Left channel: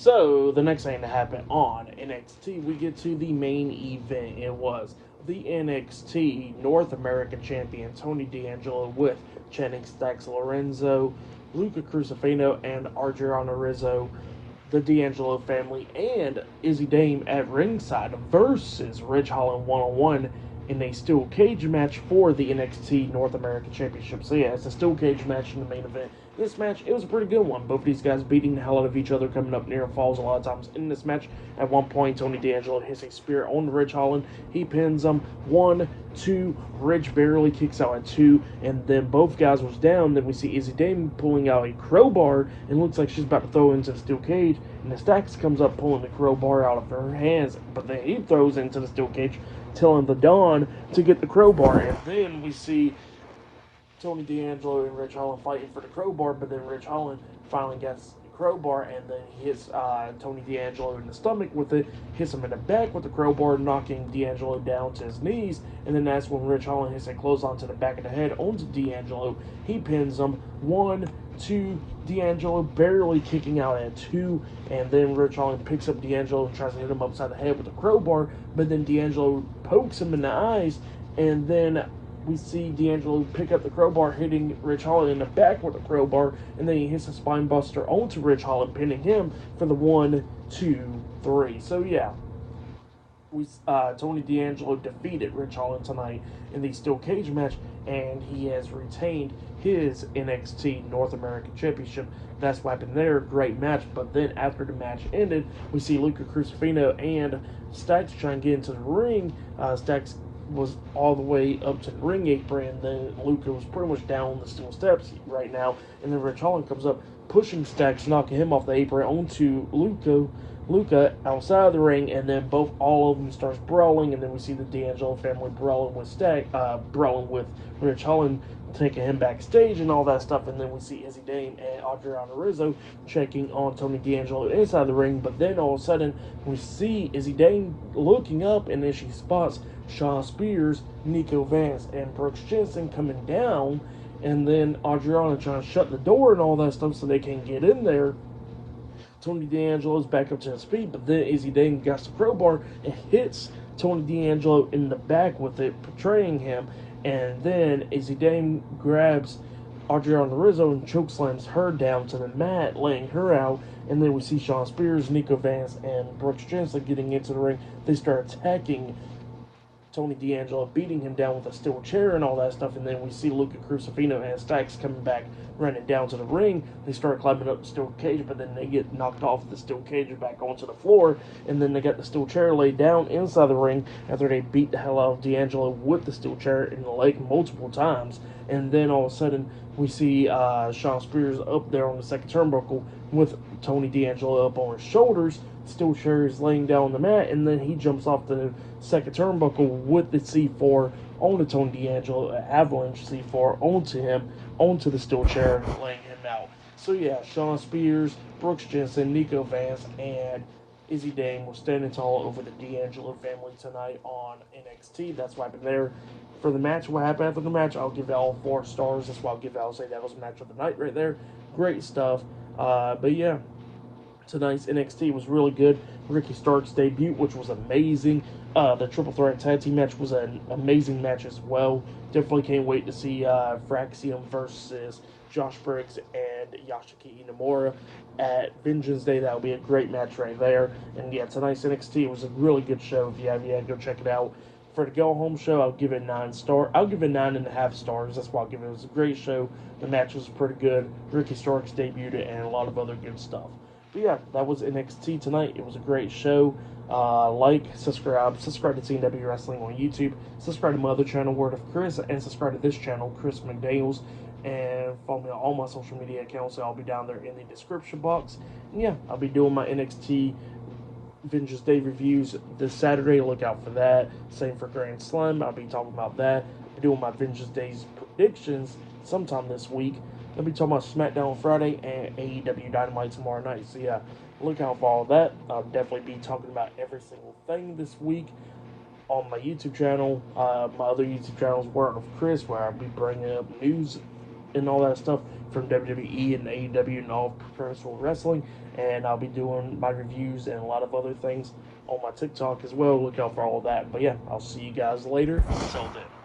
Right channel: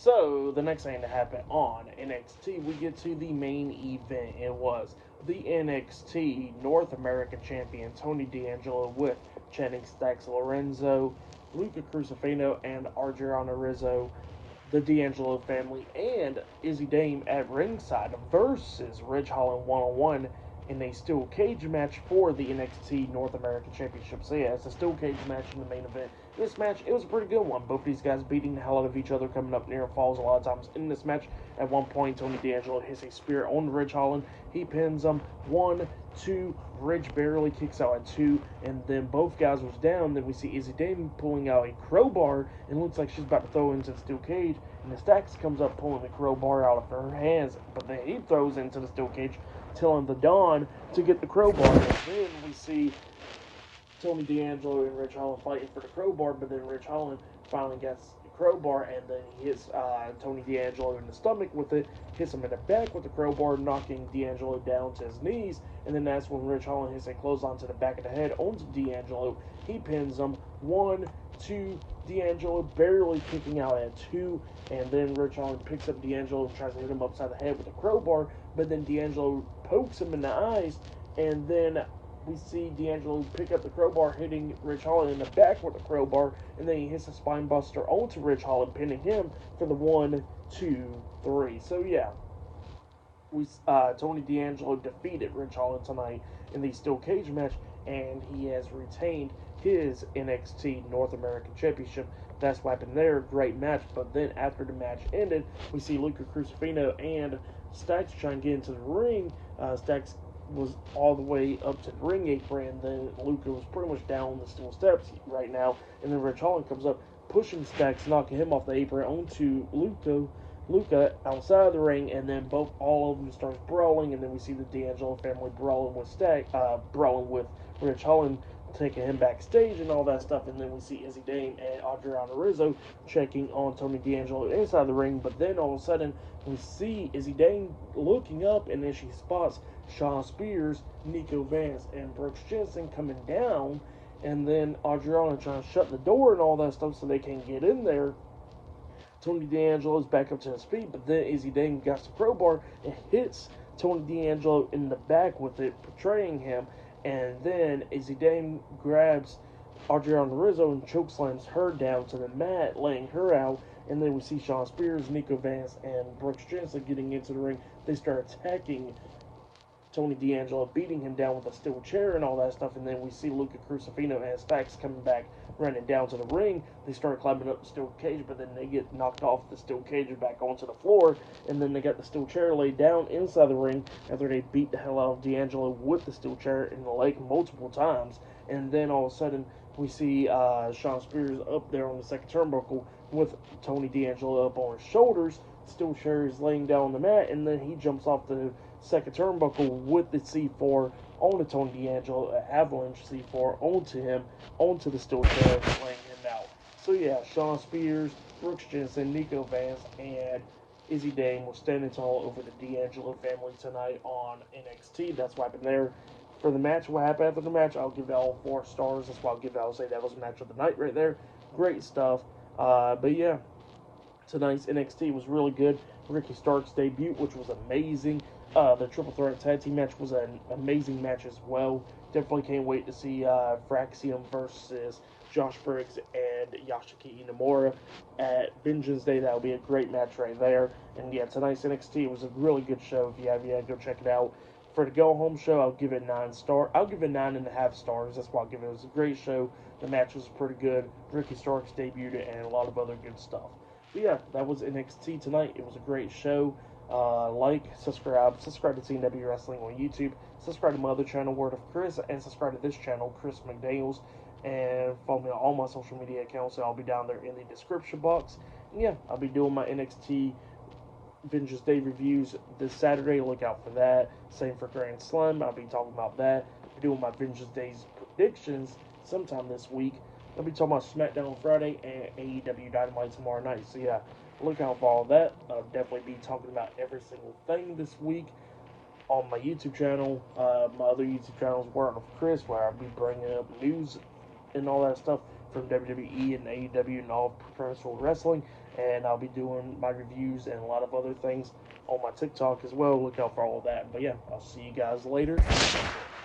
So, the next thing to happen on NXT, we get to the main event. It was the NXT North American Champion Tony D'Angelo with Channing Stacks Lorenzo, Luca Crusifino, and Adrianna Rizzo, the D'Angelo family, and Izzy Dame at ringside versus Ridge Holland one-on-one in a steel cage match for the NXT North American Championship. So yeah, it's a steel cage match in the main event. This match, it was a pretty good one. Both these guys beating the hell out of each other, coming up near falls a lot of times in this match. At one point, Tony D'Angelo hits a spear on Ridge Holland. He pins him. 1, 2. Ridge barely kicks out at 2, and then both guys was down. Then we see Izzy Dame pulling out a crowbar, and looks like she's about to throw into the steel cage. And the Stacks comes up pulling the crowbar out of her hands, but then he throws into the steel cage, telling the Dawn to get the crowbar. And then we see Tony D'Angelo and Ridge Holland fighting for the crowbar, but then Ridge Holland finally gets the crowbar, and then he hits Tony D'Angelo in the stomach with it, hits him in the back with the crowbar, knocking D'Angelo down to his knees, and then that's when Ridge Holland hits a clothesline to the back of the head onto D'Angelo. He pins him. 1, 2, D'Angelo barely kicking out at 2, and then Ridge Holland picks up D'Angelo and tries to hit him upside the head with a crowbar, but then D'Angelo pokes him in the eyes, and then we see D'Angelo pick up the crowbar, hitting Ridge Holland in the back with the crowbar, and then he hits a spine buster onto Ridge Holland, pinning him for the 1, 2, 3. So yeah, Tony D'Angelo defeated Ridge Holland tonight in the steel cage match, and he has retained his NXT North American Championship. That's what happened there. Great match. But then after the match ended, we see Luca Crusifino and Stacks trying to get into the ring. Stacks was all the way up to the ring apron, and then Luca was pretty much down on the steel steps right now. And then Ridge Holland comes up, pushing Stacks, knocking him off the apron onto Luca outside the ring, and then all of them starts brawling, and then we see the D'Angelo family brawling with Ridge Holland, taking him backstage and all that stuff, and then we see Izzy Dame and Adrianna Rizzo checking on Tony D'Angelo inside the ring, but then all of a sudden we see Izzy Dame looking up, and then she spots Shawn Spears, Nico Vance, and Brooks Jensen coming down, and then Adrianna trying to shut the door and all that stuff so they can't get in there. Tony D'Angelo's back up to his feet, but then Izzy Dame gets the crowbar and hits Tony D'Angelo in the back with it, betraying him. And then Izzy Dame grabs Adrianna Rizzo and chokeslams her down to the mat, laying her out. And then we see Shawn Spears, Nico Vance, and Brooks Jensen getting into the ring. They start attacking Tony D'Angelo, beating him down with a steel chair and all that stuff. And then we see Luca Crusifino and Stacks coming back, running down to the ring. They start climbing up the steel cage, but then they get knocked off the steel cage back onto the floor. And then they got the steel chair laid down inside the ring after they beat the hell out of D'Angelo with the steel chair in the leg multiple times. And then all of a sudden, we see Shawn Spears up there on the second turnbuckle with Tony D'Angelo up on his shoulders. Steel chair is laying down on the mat, and then he jumps off the second turnbuckle with the C4 onto Tony D'Angelo, an avalanche C4 onto the steel chair, laying him out. So yeah, Shawn Spears, Brooks Jensen, Nico Vance, and Izzy Dame were standing tall over the D'Angelo family tonight on NXT. That's what happened there. For the match, what happened after the match, I'll give it all 4 stars. That's why I'll say that was a match of the night right there. Great stuff. But yeah, tonight's NXT was really good. Ricky Stark's debut, which was amazing. The Triple Threat Tag Team match was an amazing match as well. Definitely can't wait to see Fraxium versus Josh Briggs and Yashiki Inamura at Vengeance Day. That would be a great match right there. And yeah, tonight's NXT was a really good show. If you have yet, go check it out. For the go home show, I'll give it 9 stars. I'll give it 9.5 stars. That's what I'll give it. It was a great show. The match was pretty good. Ricky Starks debuted and a lot of other good stuff. But yeah, that was NXT tonight. It was a great show. Subscribe to TNW Wrestling on YouTube. Subscribe to my other channel, Word of Chris, and subscribe to this channel, Chris McDaniels. And follow me on all my social media accounts. I'll be down there in the description box. And yeah, I'll be doing my NXT Vengeance Day reviews this Saturday. Look out for that. Same for Grand Slam. I'll be talking about that. I'll be doing my Vengeance Days predictions sometime this week. I'll be talking about SmackDown on Friday and AEW Dynamite tomorrow night. So yeah, look out for all that. I'll definitely be talking about every single thing this week on my YouTube channel. My other YouTube channel is Word of Chris, where I'll be bringing up news and all that stuff from WWE and AEW and all professional wrestling. And I'll be doing my reviews and a lot of other things on my TikTok as well. Look out for all of that. But yeah, I'll see you guys later. Until then.